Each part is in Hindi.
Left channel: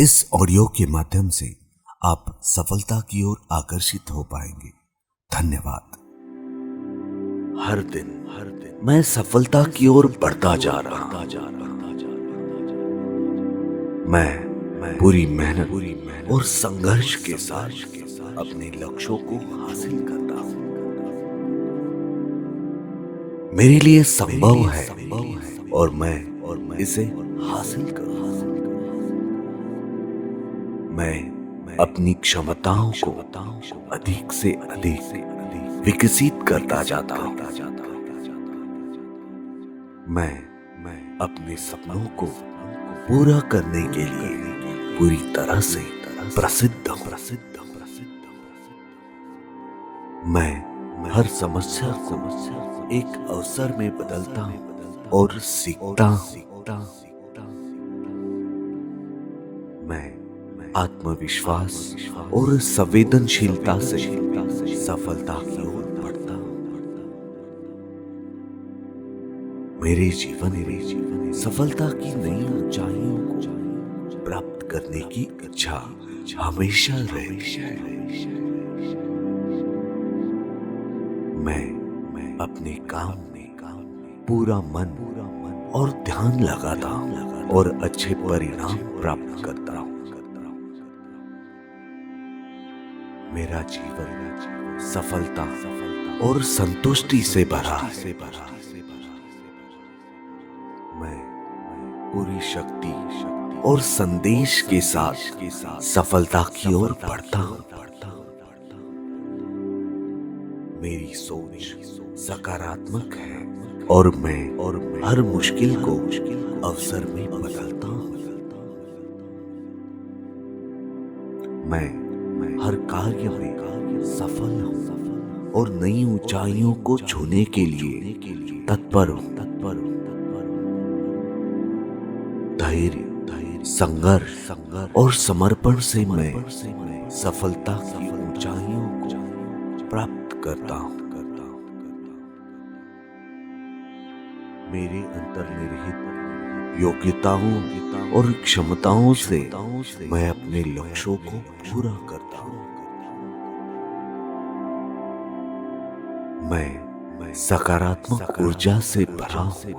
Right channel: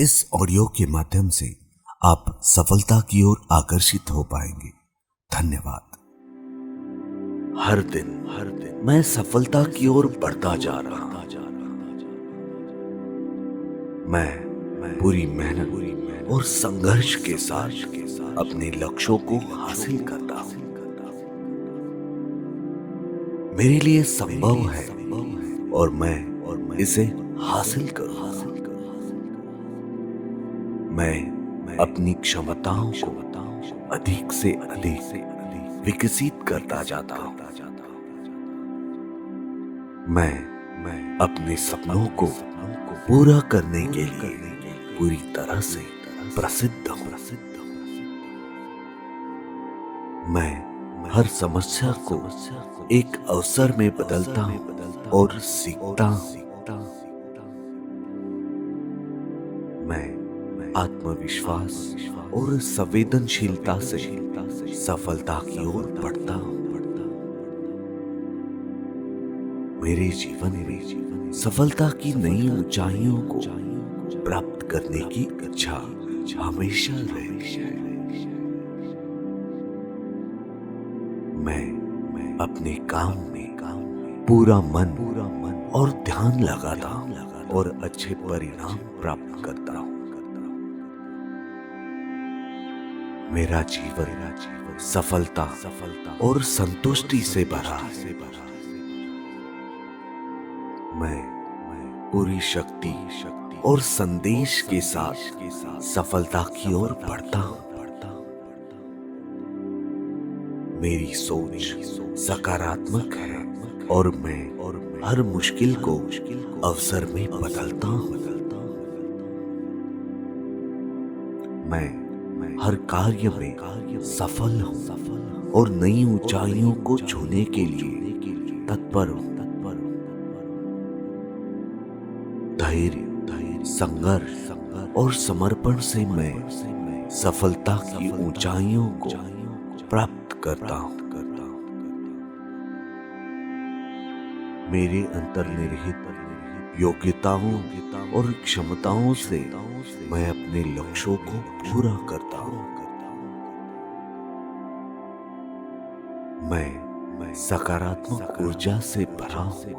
इस ऑडियो के माध्यम से आप सफलता की ओर आकर्षित हो पाएंगे। धन्यवाद। हर दिन मैं सफलता की ओर बढ़ता जा रहा हूं। मैं पूरी मेहनत और संघर्ष के साथ अपने लक्ष्यों को हासिल करता हूं। मेरे लिए संभव है और मैं इसे हासिल करूंगा। मैं अपनी क्षमताओं को अधिक से अधिक विकसित करता जाता हूं। मैं अपने सपनों को पूरा करने के लिए पूरी तरह से प्रसिद्ध हूं। मैं हर समस्या को एक अवसर में बदलता हूं और सीखता हूं। मैं आत्मविश्वास और संवेदनशीलता से सफलता की ओर बढ़ता हूं। मेरे जीवन में सफलता की नई ऊंचाइयों को प्राप्त करने की इच्छा हमेशा रही। मैं अपने काम में पूरा मन और ध्यान लगाता हूं और अच्छे परिणाम प्राप्त करता हूं। मेरा जीवन सफलता और संतुष्टि से भरा है। मैं पूरी शक्ति और संदेश के साथ सफलता की ओर बढ़ता हूं। मेरी सोच सकारात्मक है और मैं हर मुश्किल को अवसर में बदलता हूं। मैं हर कार्य में सफल हूं और नई ऊंचाइयों को छूने के लिए तत्पर हूं। धैर्य, संघर्ष और समर्पण से मैं सफलता की ऊंचाइयों को प्राप्त करता हूं। मेरे अंतर्निहित योग्यताओं और क्षमताओं से मैं अपने लक्ष्यों को पूरा करता हूं। मैं सकारात्मक ऊर्जा से भरा हूं।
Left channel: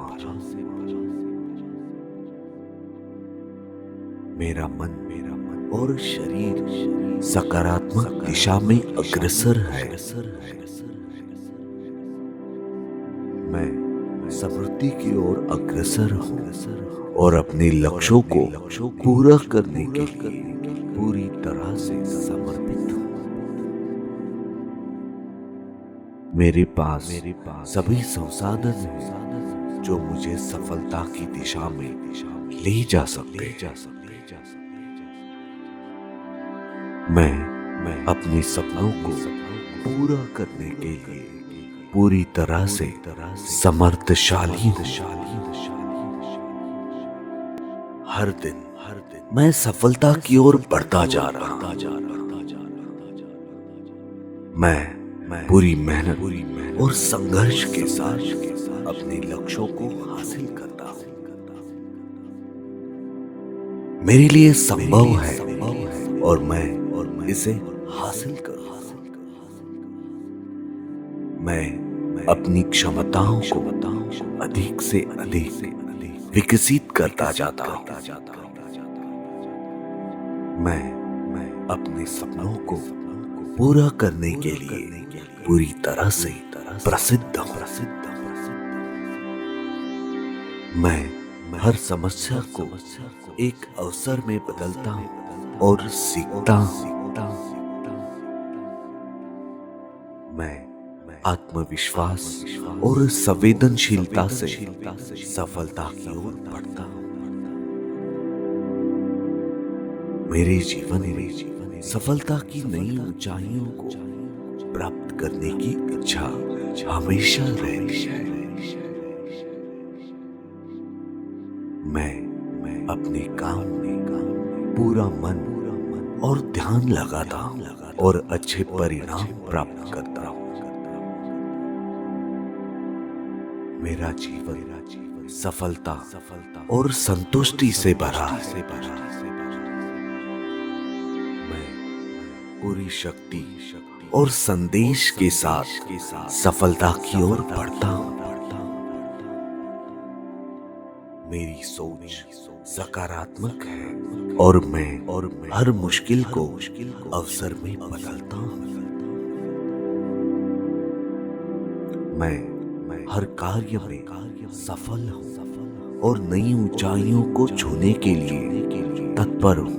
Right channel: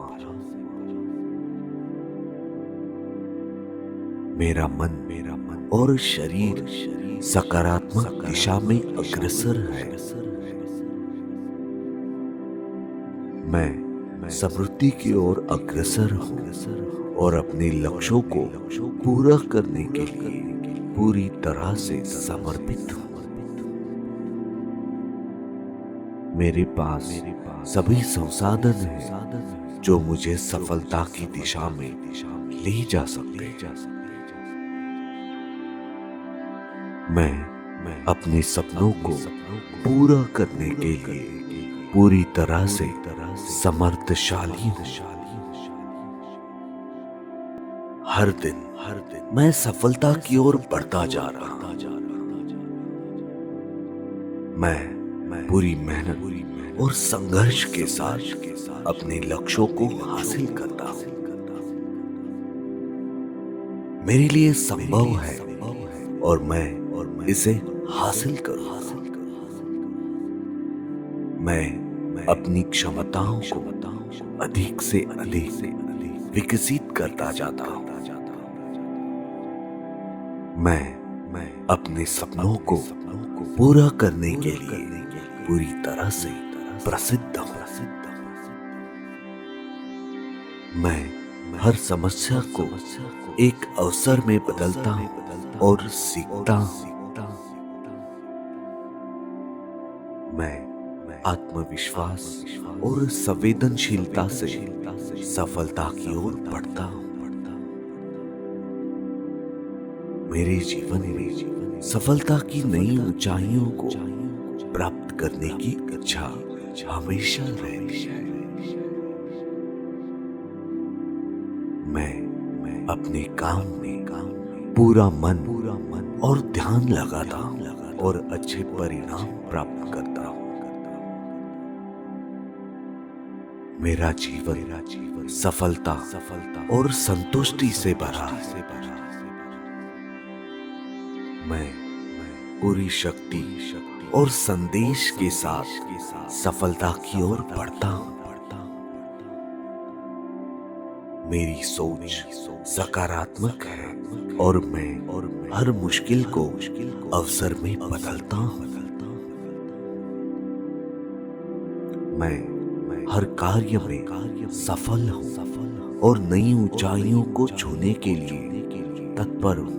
मेरा मन और शरीर सकारात्मक दिशा में अग्रसर है। मैं समृद्धि की ओर अग्रसर हूं और अपने लक्ष्यों को पूरा करने के लिए पूरी तरह से समर्पित हूं। मेरे पास सभी संसाधन हैं जो मुझे सफलता की दिशा में ले जा सकते हैं। मैं अपने सपनों को पूरा करने के लिए पूरी तरह से समर्थशाली हूं। हर दिन मैं सफलता की ओर बढ़ता जा रहा हूं। मैं पूरी मेहनत और संघर्ष के साथ अपने लक्ष्यों को हासिल करता हूं। मेरे लिए संभव है और मैं इसे हासिल करूंगा। मैं अपनी क्षमताओं को अधिक से अधिक विकसित करता जाता हूं। मैं अपने सपनों को पूरा करने के लिए पूरी तरह से प्रसिद्ध हूं। मैं हर समस्या को एक अवसर में बदलता हूं और सीखता हूं। मैं आत्मविश्वास और संवेदनशीलता से सफलता की ओर बढ़ता हूं। मेरे जीवन में सफलता की नई ऊंचाइयों को प्राप्त करने की इच्छा हमेशा रही है। मैं अपने काम में पूरा मन और ध्यान लगाता हूं और अच्छे परिणाम प्राप्त करता हूं। मेरा जीवन सफलता और संतुष्टि से भरा है। पूरी शक्ति और संदेश के साथ सफलता की ओर बढ़ता हूँ। मेरी सोच सकारात्मक है और मैं हर मुश्किल को अवसर में बदलता हूँ। मैं हर कार्य में सफल हूँ और नई ऊंचाइयों को छूने के लिए तत्पर हूँ।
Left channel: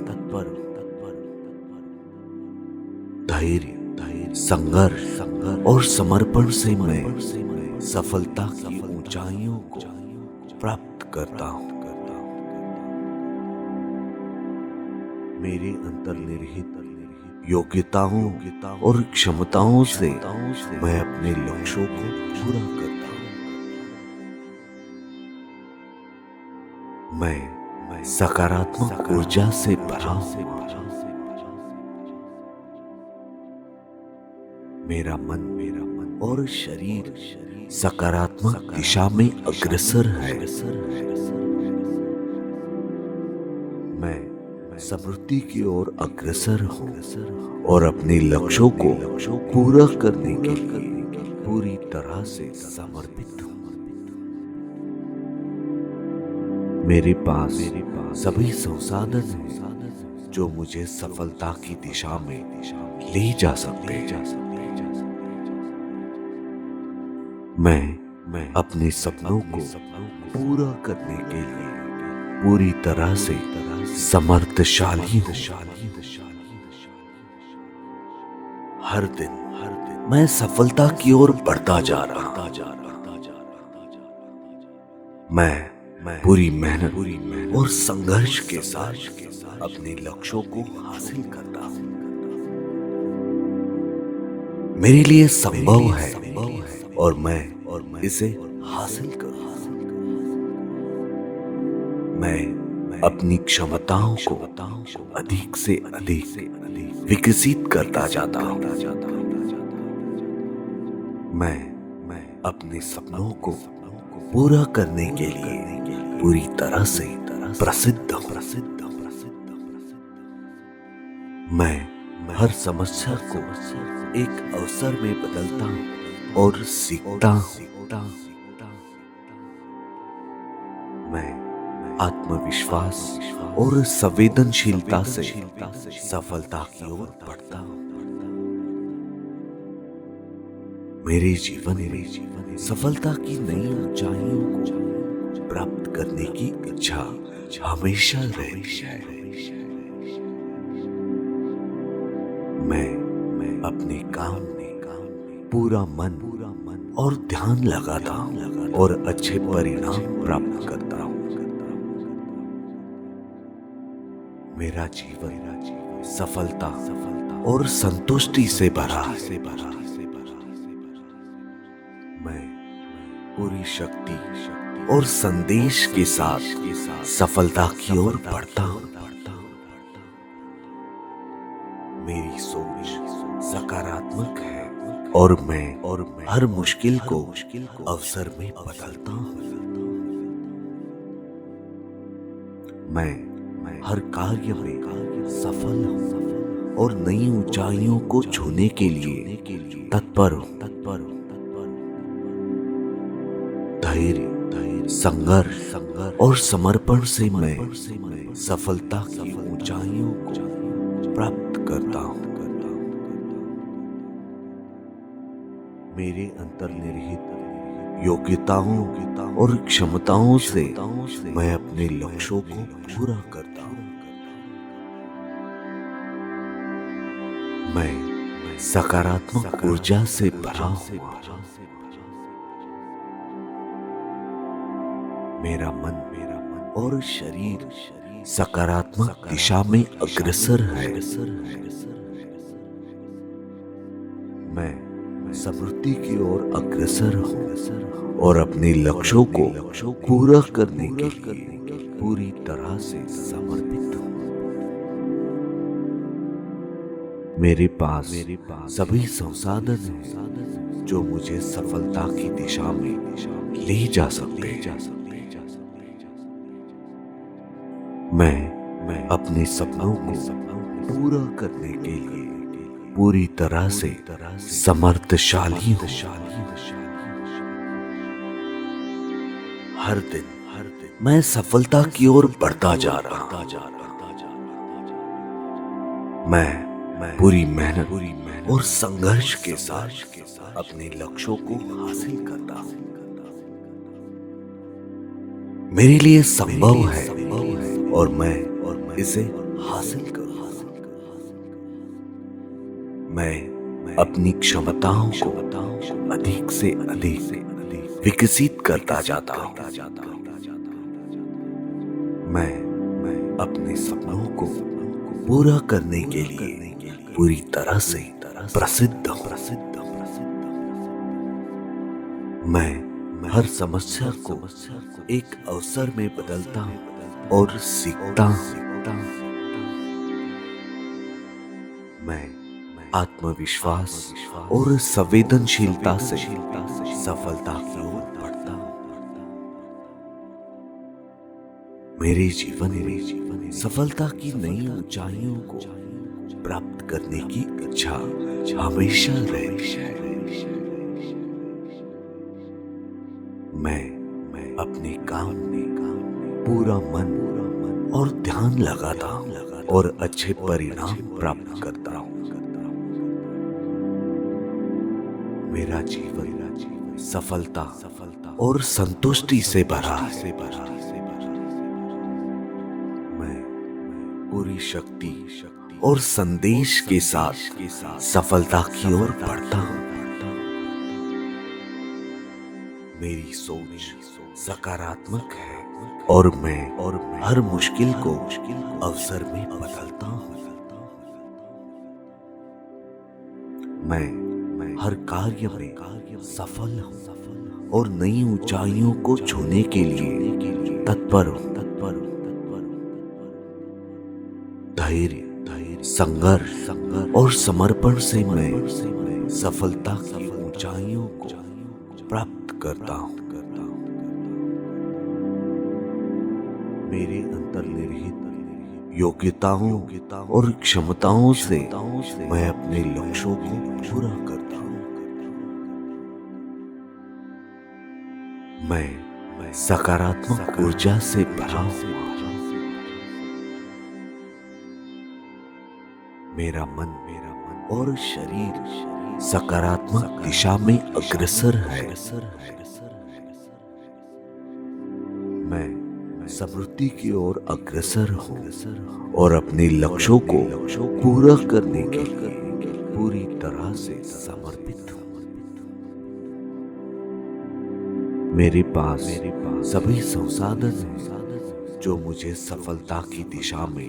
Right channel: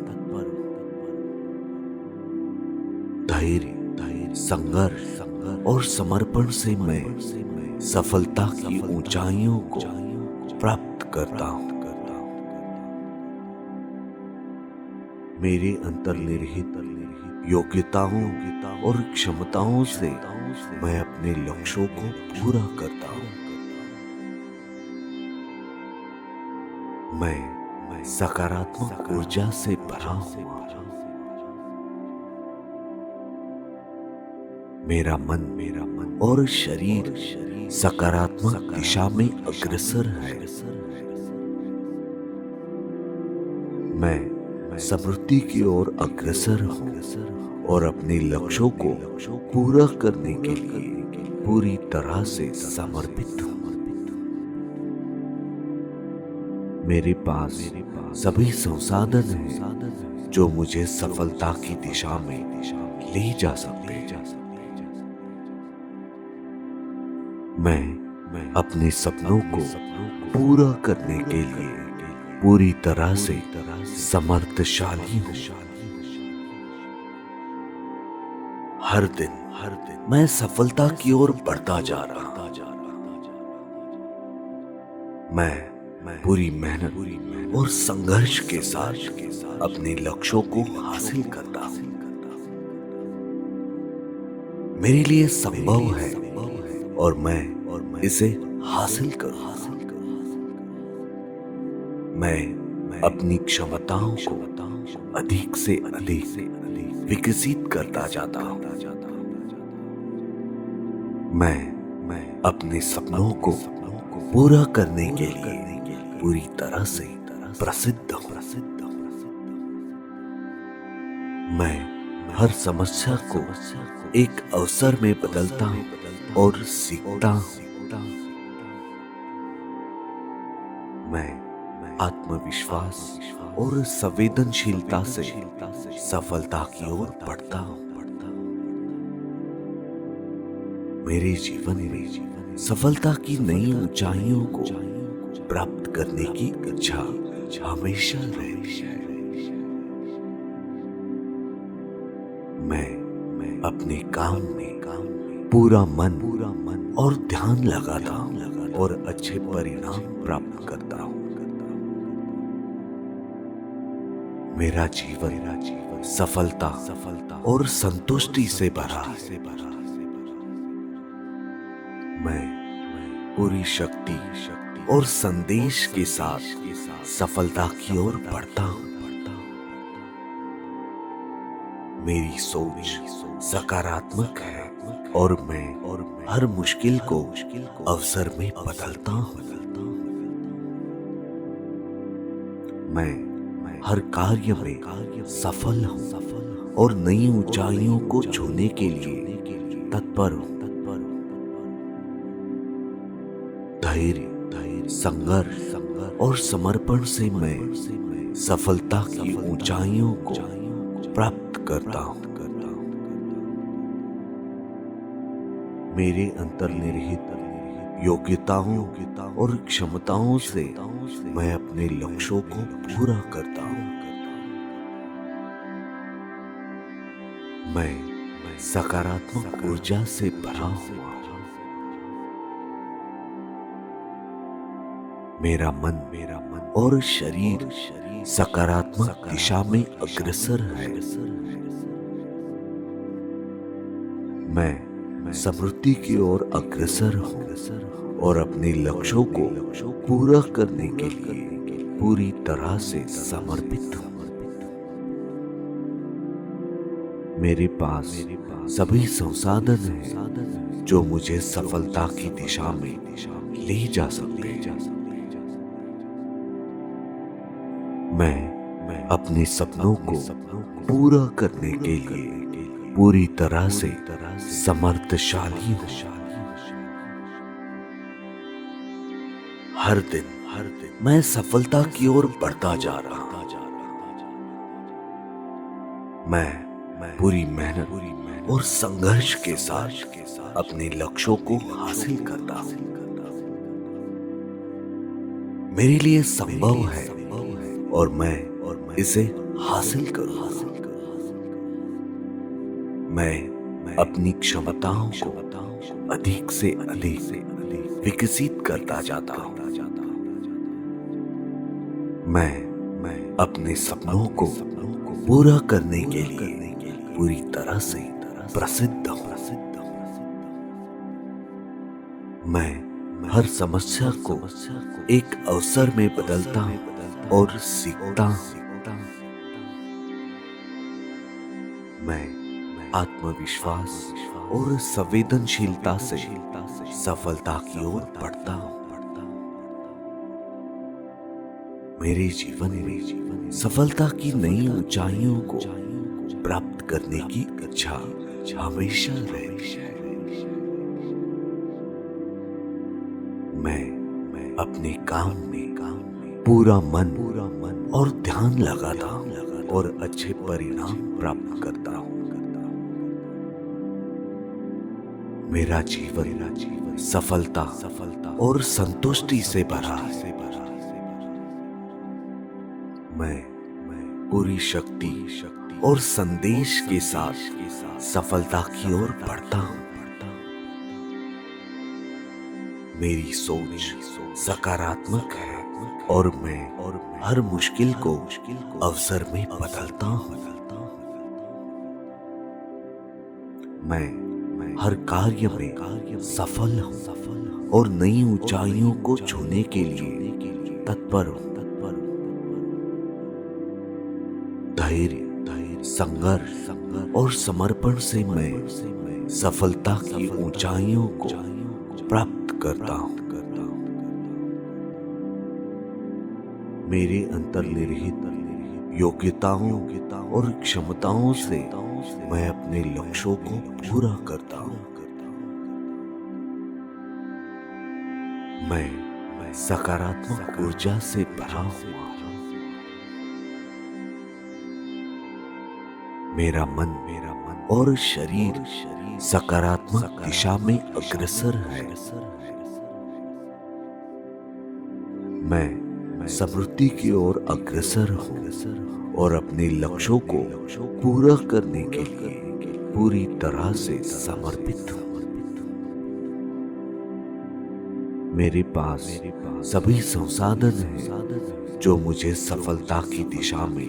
धैर्य, संघर्ष और समर्पण से मैं सफलता की ऊंचाइयों को प्राप्त करता हूँ। मेरे अंतर्निहित योग्यताओं और क्षमताओं से मैं अपने लक्ष्यों को पूरा करता हूँ। मैं सकारात्मक ऊर्जा से भरा हूँ। मेरा मन और शरीर सकारात्मक दिशा में अग्रसर है। मैं समृद्धि की ओर अग्रसर हूँ और अपने लक्ष्यों को पूरा करने के लिए पूरी तरह से समर्पित हूँ। मेरे पास सभी संसाधन हैं जो मुझे सफलता की दिशा में ले जा सकते हैं। मैं अपने सपनों को पूरा करने के लिए पूरी तरह से समर्थशाली हूँ। हर दिन मैं सफलता की ओर बढ़ता जा रहा हूँ। मैं पूरी मेहनत और संघर्ष के साथ अपने लक्ष्यों को हासिल करता हूँ। मेरे लिए संभव है और मैं इसे हासिल करूँगा। मैं अपनी क्षमताओं को अधिक से अधिक विकसित करता जाता हूँ। मैं अपने सपनों को पूरा करने के लिए पूरी तरह से प्रसिद्ध हूँ। मैं हर समस्या को एक अवसर में बदलता हूँ और सीखता हूँ। मैं आत्मविश्वास और संवेदनशीलता से सफलता की ओर बढ़ता हूँ। मेरे जीवन में सफलता की नई ऊंचाइयों को प्राप्त करने की इच्छा हमेशा रहती है। मैं अपने काम में पूरा मन और ध्यान लगाता हूँ और अच्छे परिणाम प्राप्त करता हूँ। मेरा जीवन सफलता और संतुष्टि से भरा। मैं पूरी शक्ति और संदेश के साथ सफलता की ओर बढ़ता हूँ। मेरी सोच सकारात्मक है और मैं हर मुश्किल को अवसर में बदलता हूँ। मैं हर कार्य में सफल हूँ और नई ऊंचाइयों को छूने के लिए तत्पर हूँ। धैर्य, संघर्ष और समर्पण से मैं सफलता की ऊंचाइयों को प्राप्त करता हूँ। मेरे अंतर्निहित योग्यताओं और क्षमताओं से मैं अपने लक्ष्यों को पूरा करता हूँ। मैं सकारात्मक ऊर्जा से भरा हूँ। मेरा मन और शरीर सकारात्मक दिशा में अग्रसर है। मैं समृद्धि की ओर अग्रसर हूँ और अपने लक्ष्यों को पूरा करने के लिए पूरी तरह से समर्पित हूँ। मेरे पास सभी संसाधन हैं जो मुझे सफलता की दिशा में ले जा सकते हैं। मैं अपने सपनों को पूरा करने के लिए पूरी तरह से समर्थशाली हूँ। हर दिन मैं सफलता की ओर बढ़ता जा रहा हूँ। मैं पूरी मेहनत और संघर्ष के साथ अपने लक्ष्यों को हासिल करता हूँ। मेरे लिए संभव है और मैं इसे हासिल करूँगा। मैं अपनी क्षमताओं को अधिक से अधिक विकसित करता जाता हूँ। मैं अपने सपनों को पूरा करने के लिए पूरी तरह से प्रसिद्ध हूँ। मैं हर समस्या को एक अवसर में बदलता हूँ और सीखता हूँ। मैं आत्मविश्वास और संवेदनशीलता से सफलता की ओर बढ़ता हूँ। मेरे जीवन में सफलता की नई ऊंचाइयों को प्राप्त करने की इच्छा हमेशा रही। मैं अपने काम में पूरा मन और ध्यान लगाता हूँ और अच्छे परिणाम प्राप्त करता हूँ। मेरा जीवन सफलता और संतुष्टि से भरा है। मैं पूरी शक्ति और संदेश के साथ सफलता की ओर बढ़ता हूँ। मेरी सोच सकारात्मक है और मैं हर मुश्किल को अवसर में बदलता हूँ। मैं हर कार्य में सफल हूँ और नई ऊंचाइयों को छूने के लिए तत्पर हूँ। धैर्य, संघर्ष और समर्पण से मैं सफलता की ऊंचाइयों को प्राप्त करता हूँ। मेरे अंतर्निहित योग्यताओं और क्षमताओं से मैं अपने लक्ष्यों को पूरा करता हूँ। मैं सकारात्मक ऊर्जा से भरा हूँ। मेरा मन और शरीर सकारात्मक दिशा में अग्रसर है। मैं समृद्धि की ओर अग्रसर हूँ और अपने लक्ष्यों को पूरा करने के लिए पूरी तरह से समर्पित हूँ। मेरे पास सभी संसाधन हैं जो मुझे सफलता की दिशा में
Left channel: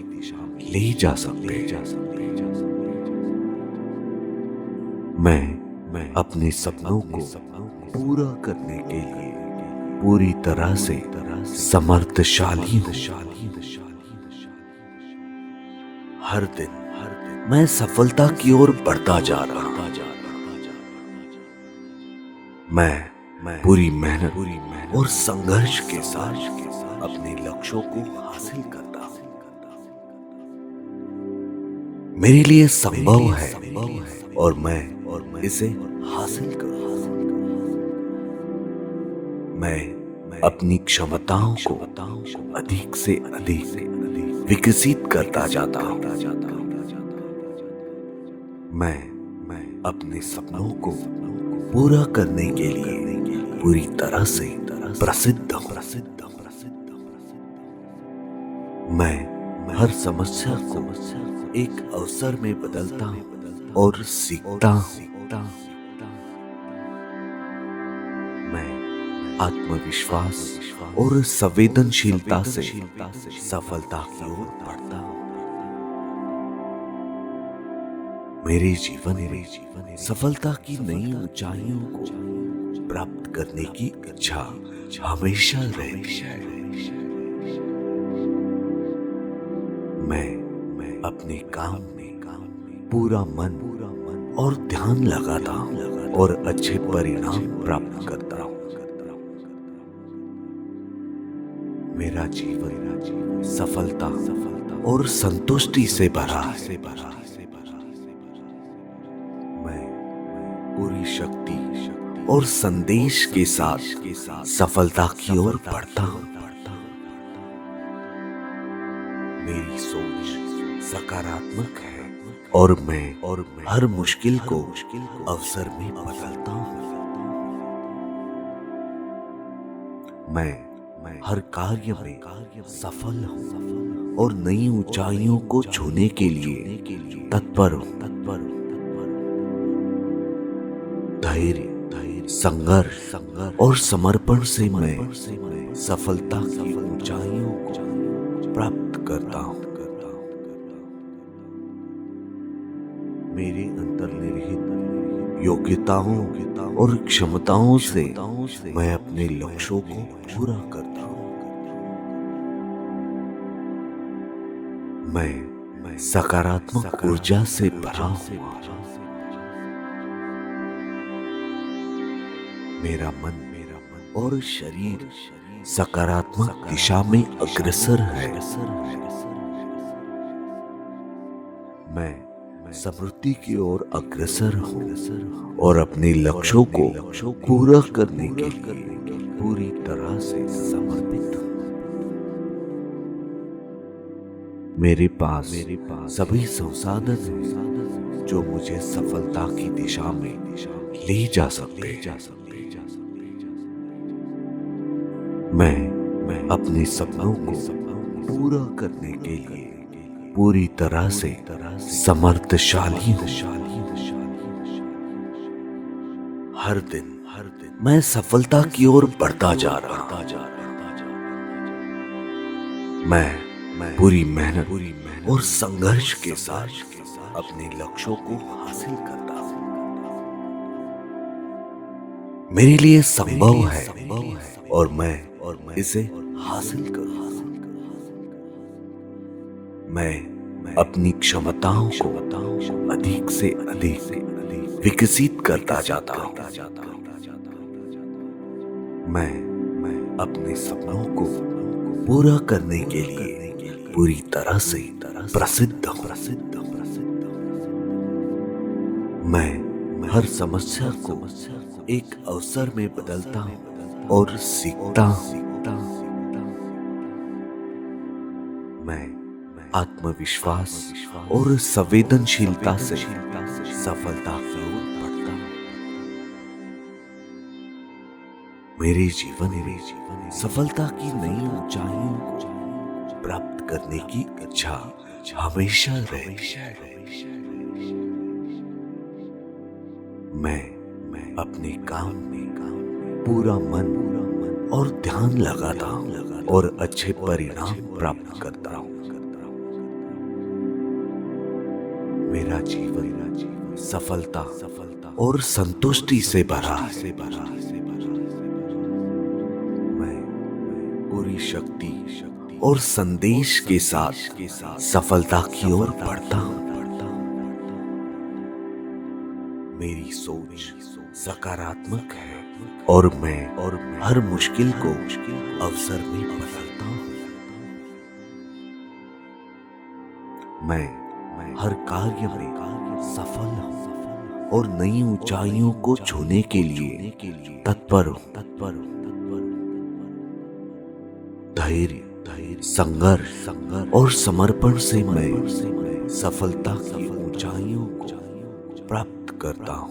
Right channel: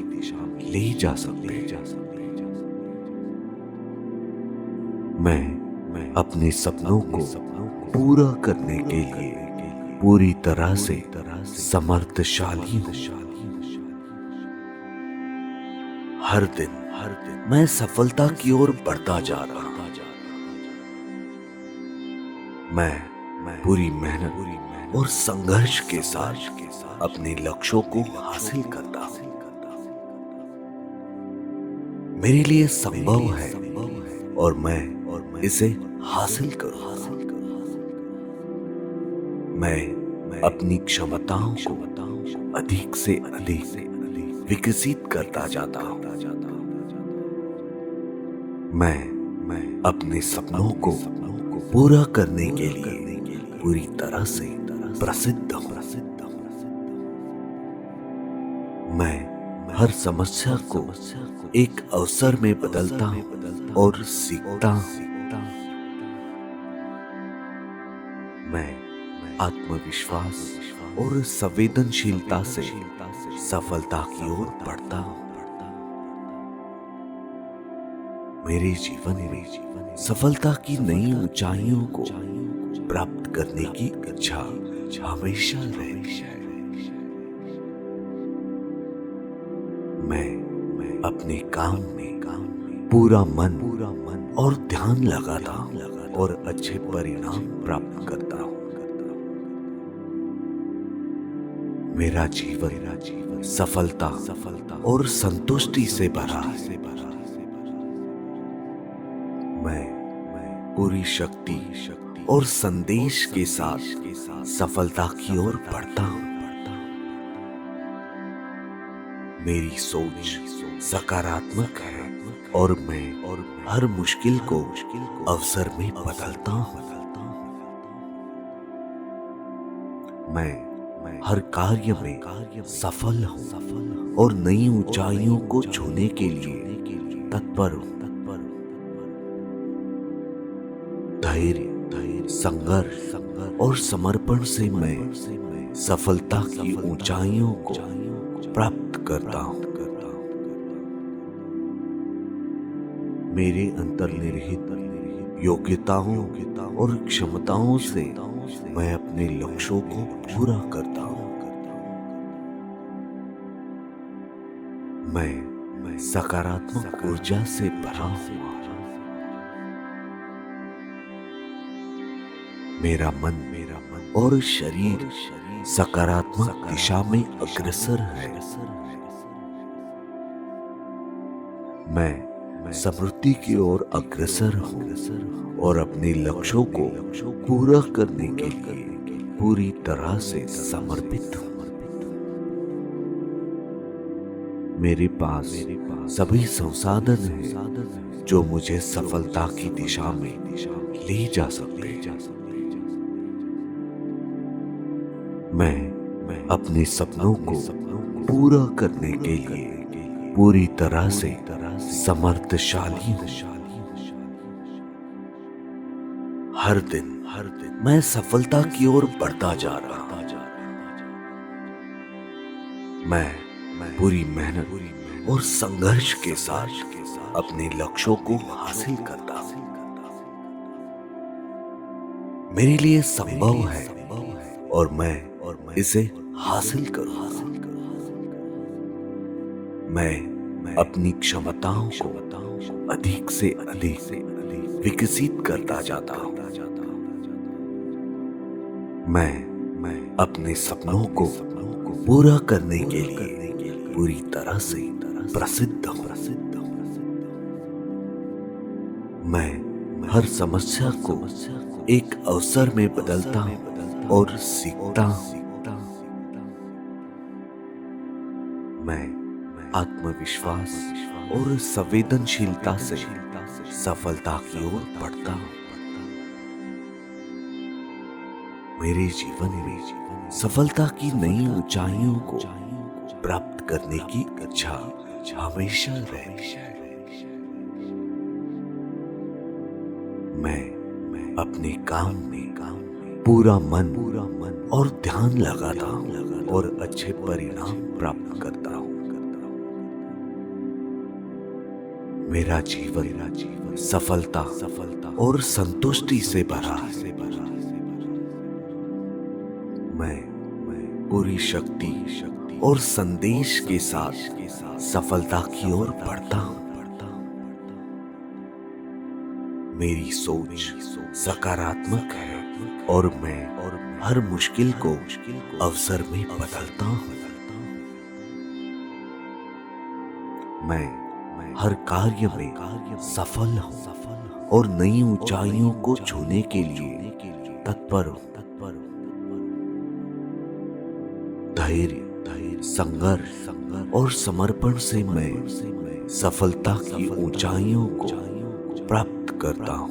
ले जा सकते हैं। मैं अपने सपनों को पूरा करने के लिए पूरी तरह से समर्थशाली हूँ। हर दिन मैं सफलता की ओर बढ़ता जा रहा हूँ। मैं पूरी मेहनत और संघर्ष के साथ अपने लक्ष्यों को हासिल करता हूँ। मेरे लिए संभव है और मैं इसे हासिल करूँगा। मैं अपनी क्षमताओं को अधिक से अधिक विकसित करता जाता हूँ। मैं अपने सपनों को पूरा करने के लिए पूरी तरह से प्रसिद्ध हूँ। मैं हर समस्या को एक अवसर में बदलता हूँ और सीखता हूँ। मैं आत्मविश्वास और संवेदनशीलता से सफलता की ओर बढ़ता हूँ। मेरे जीवन में सफलता की नई ऊंचाइयों को प्राप्त करने की इच्छा हमेशा रही। मैं अपने काम में पूरा मन और ध्यान लगाता हूँ और अच्छे परिणाम प्राप्त करता हूँ। मेरा जीवन सफलता और संतुष्टि से भरा है। पूरी शक्ति और संदेश के साथ सफलता की ओर बढ़ता हूँ। मेरी सोच सकारात्मक है और मैं हर मुश्किल को अवसर में बदलता हूँ। मैं हर कार्य में सफल हूँ और नई ऊंचाइयों को छूने के लिए तत्पर हूँ। धैर्य, संघर्ष और समर्पण से मैं सफलता की ऊंचाइयों को प्राप्त करता हूँ। मेरे अंतर्निहित योग्यताओं और क्षमताओं से मैं अपने लक्ष्यों को पूरा करता हूँ। मैं सकारात्मक ऊर्जा से भरा हूँ। मेरा मन और शरीर सकारात्मक दिशा में अग्रसर है। मैं समृद्धि की ओर अग्रसर हूँ और अपने लक्ष्यों को पूरा करने के लिए पूरी तरह से समर्पित हूँ। मेरे पास सभी संसाधन हैं जो मुझे सफलता की दिशा में ले जा सकते हैं। मैं अपने सपनों को पूरा करने के लिए पूरी तरह से समर्थशाली हूँ। हर दिन मैं सफलता की ओर बढ़ता जा रहा हूँ। मैं पूरी मेहनत और संघर्ष के साथ अपने लक्ष्यों को हासिल करता हूँ। मेरे लिए संभव है और मैं इसे हासिल करूँ। मैं अपनी क्षमताओं को अधिक से अधिक विकसित करता जाता हूँ। मैं अपने सपनों को पूरा करने के लिए पूरी तरह से प्रसिद्ध हूँ। मैं हर समस्या को एक अवसर में बदलता हूँ और सीखता हूँ। मैं आत्मविश्वास और संवेदनशीलता से सफलता की ओर बढ़ता हूँ। मेरे जीवन में सफलता की नई ऊंचाइयों को प्राप्त करने की इच्छा हमेशा रहती है। मैं अपने काम में पूरा मन और ध्यान लगाता हूँ और अच्छे परिणाम प्राप्त करता हूँ। मेरा जीवन सफलता और संतुष्टि से भरा है। मैं पूरी शक्ति और संदेश के साथ सफलता की ओर बढ़ता हूँ। मेरी सोच सकारात्मक है और मैं हर मुश्किल को अवसर में बदलता हूँ। मैं हर कार्य में सफल हूँ और नई ऊंचाइयों को छूने के लिए तत्पर हूँ। धैर्य, संघर्ष और समर्पण से मैं सफलता की ऊंचाइयों को प्राप्त करता हूँ।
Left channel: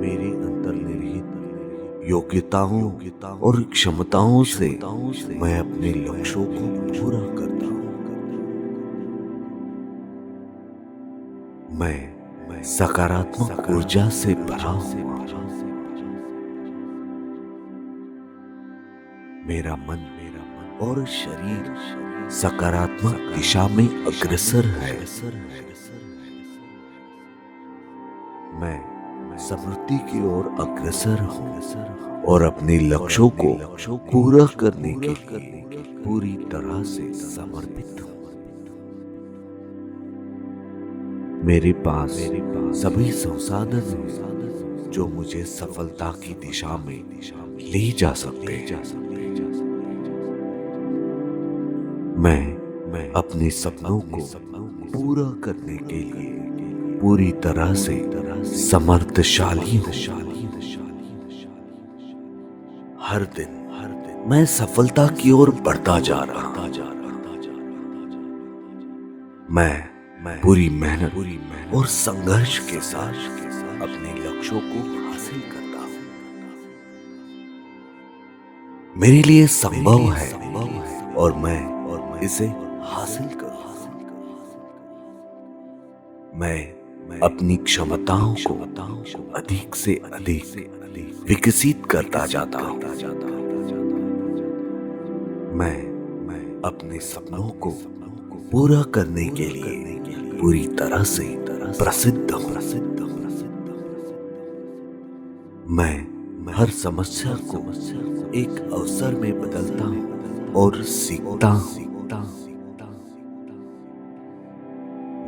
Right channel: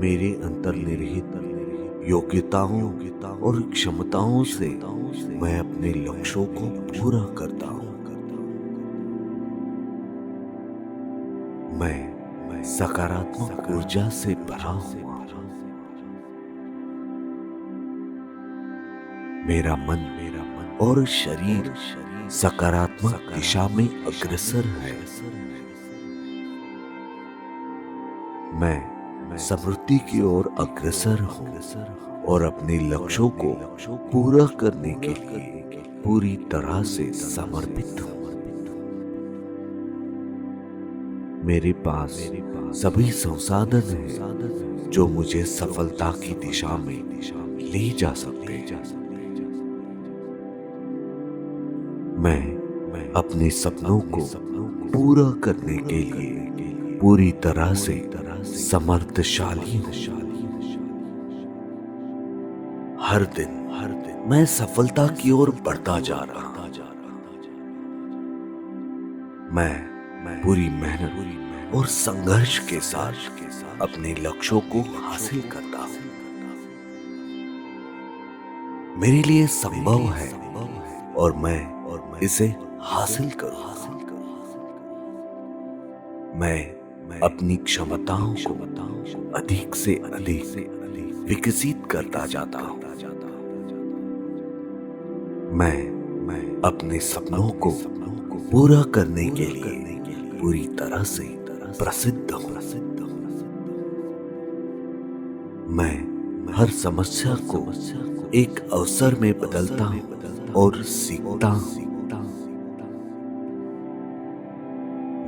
मेरे अंतर्निहित योग्यताओं और क्षमताओं से मैं अपने लक्ष्यों को पूरा करता हूँ। मैं सकारात्मक ऊर्जा से भरा हूँ। मेरा मन और शरीर सकारात्मक दिशा में अग्रसर है। मैं समृद्धि की ओर अग्रसर हूँ और अपने लक्ष्यों को पूरा करने के लिए पूरी तरह से समर्पित हूँ। मेरे पास सभी संसाधन हैं जो मुझे सफलता की दिशा में ले जा सकते हैं। मैं अपने सपनों को पूरा करने के लिए पूरी तरह से समर्थशाली हूँ। हर दिन मैं सफलता की ओर बढ़ता जा रहा हूँ। मैं पूरी मेहनत और संघर्ष के साथ अपने लक्ष्यों को हासिल करता हूँ। मेरे लिए संभव है और मैं इसे हासिल करूँ। मैं अपनी क्षमताओं को अधिक से अधिक विकसित करता जाता हूँ। मैं अपने सपनों को पूरा करने के लिए पूरी तरह से प्रसिद्ध हूँ। मैं हर समस्या को एक अवसर में बदलता हूँ और सीखता हूँ।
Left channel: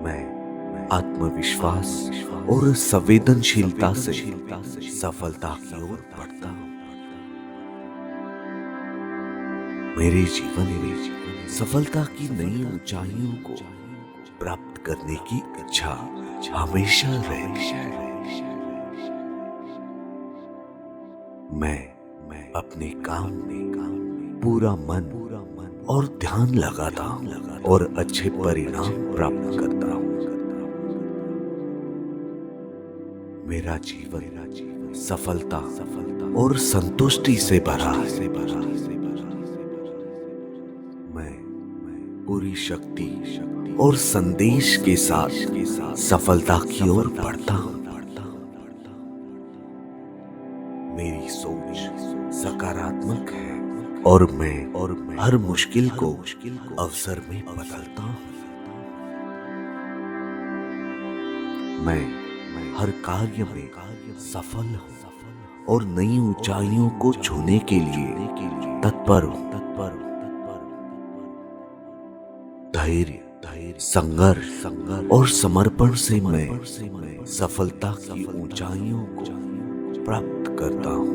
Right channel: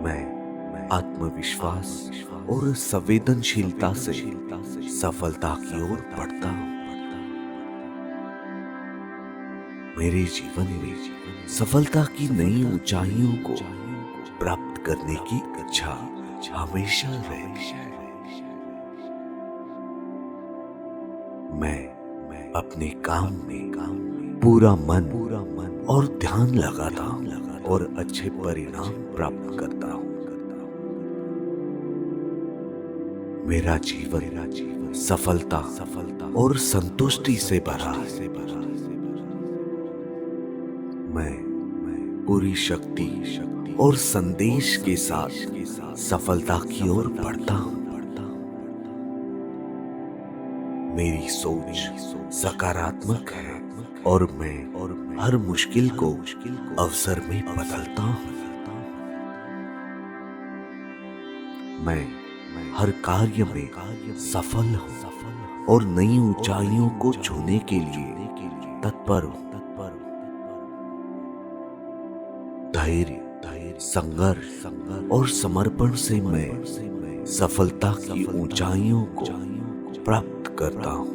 मैं आत्मविश्वास और संवेदनशीलता से सफलता की ओर बढ़ता हूँ। मेरे जीवन में सफलता की नई ऊंचाइयों को प्राप्त करने की इच्छा हमेशा रहती है। मैं अपने काम में पूरा मन और ध्यान लगाता हूँ और अच्छे परिणाम प्राप्त करता हूँ। मेरा जीवन सफलता और संतुष्टि से भरा है। मैं पूरी शक्ति और संदेश के साथ सफलता की ओर बढ़ता हूँ। मेरी सोच सकारात्मक है और मैं हर मुश्किल को अवसर में बदलता हूँ। मैं हर कार्य में सफल हूँ और नई ऊंचाइयों को छूने के लिए तत्पर हूँ। धैर्य, संघर्ष और समर्पण से मैं सफलता की ऊंचाइयों को प्राप्त करता हूँ।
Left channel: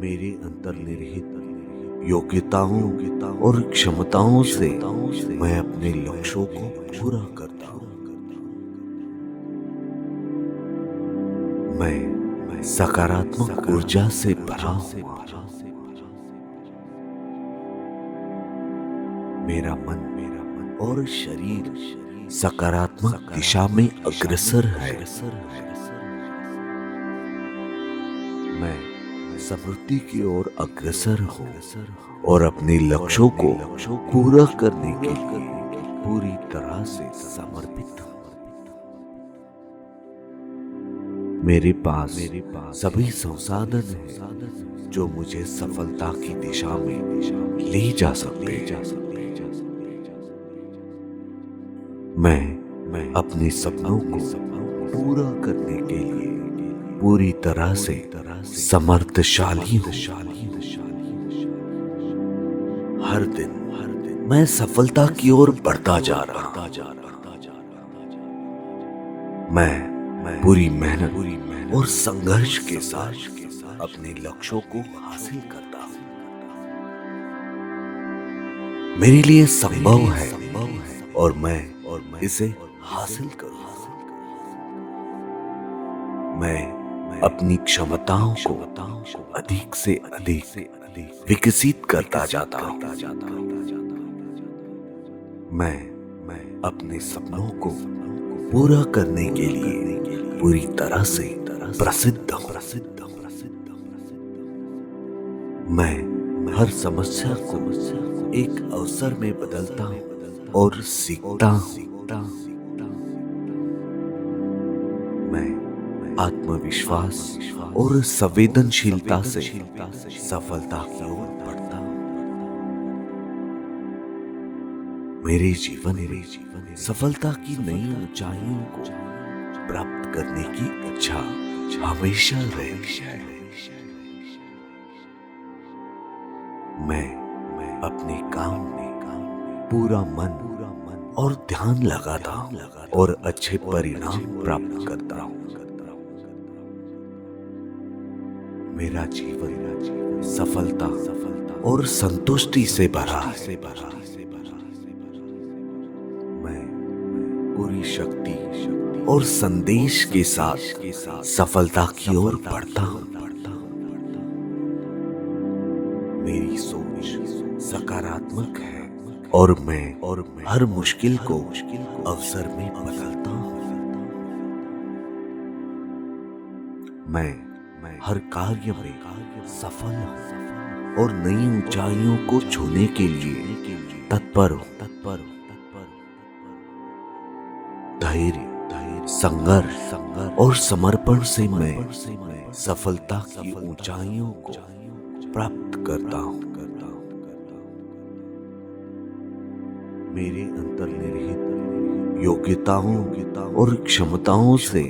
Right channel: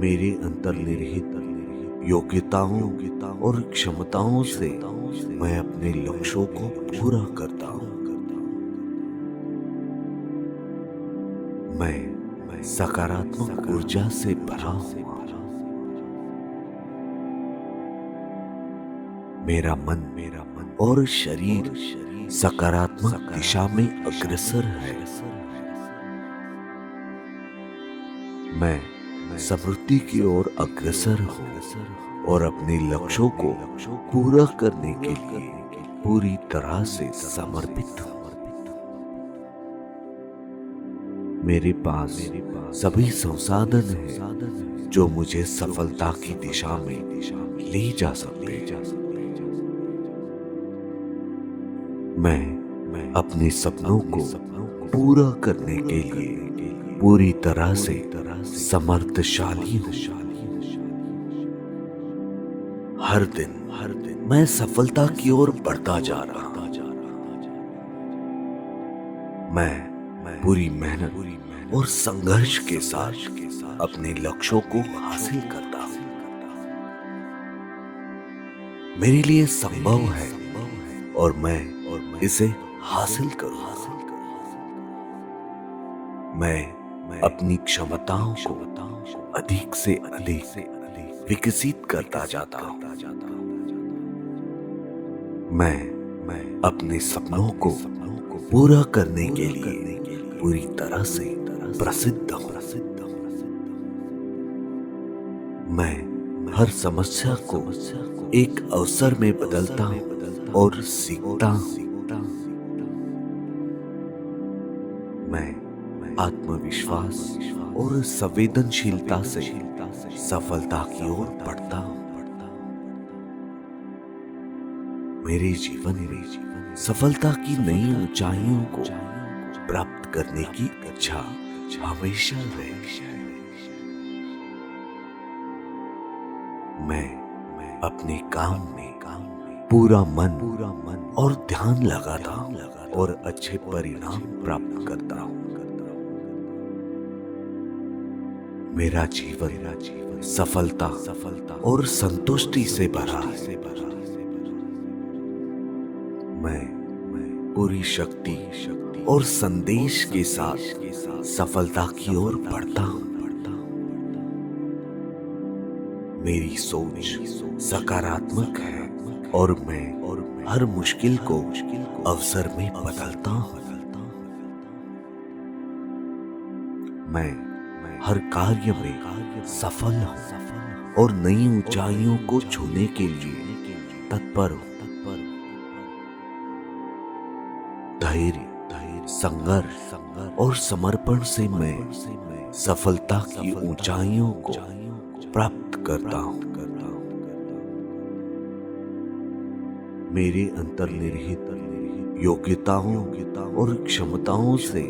मेरे अंतर्निहित योग्यताओं और क्षमताओं से मैं अपने लक्ष्यों को पूरा करता हूँ। मैं सकारात्मक ऊर्जा से भरा हूँ। मेरा मन और शरीर सकारात्मक दिशा में अग्रसर है। मैं समृद्धि की ओर अग्रसर हूँ और अपने लक्ष्यों को पूरा करने के लिए पूरी तरह से समर्पित हूँ। मेरे पास सभी संसाधन हैं जो मुझे सफलता की दिशा में ले जा सकते हैं। मैं अपने सपनों को पूरा करने के लिए पूरी तरह से समर्थशाली हूँ। हर दिन मैं सफलता की ओर बढ़ता जा रहा हूँ। मैं पूरी मेहनत और संघर्ष के साथ अपने लक्ष्यों को हासिल करता हूँ। मेरे लिए संभव है और मैं इसे हासिल करूँ। मैं अपनी क्षमताओं को अधिक से अधिक विकसित करता जाता हूँ। मैं अपने सपनों को पूरा करने के लिए पूरी तरह से प्रसिद्ध हूँ। मैं हर समस्या को एक अवसर में बदलता हूँ और सीखता हूँ। मैं आत्मविश्वास और संवेदनशीलता से सफलता की ओर बढ़ता हूँ। मेरे जीवन में सफलता की नई ऊंचाइयों को प्राप्त करने की इच्छा हमेशा रहती है। मैं अपने काम में पूरा मन और ध्यान लगाता हूँ और अच्छे परिणाम प्राप्त करता हूँ। मेरा जीवन सफलता और संतुष्टि से भरा है। मैं पूरी शक्ति और संदेश के साथ सफलता की ओर बढ़ता हूँ। मेरी सोच सकारात्मक है और मैं हर मुश्किल को अवसर में बदलता हूँ। मैं हर कार्य में सफल हूँ और नई ऊंचाइयों को छूने के लिए तत्पर हूँ। धैर्य, संघर्ष और समर्पण से मैं सफलता की ऊंचाइयों को प्राप्त करता हूँ। मेरे अंतर्निहित योग्यताओं और क्षमताओं से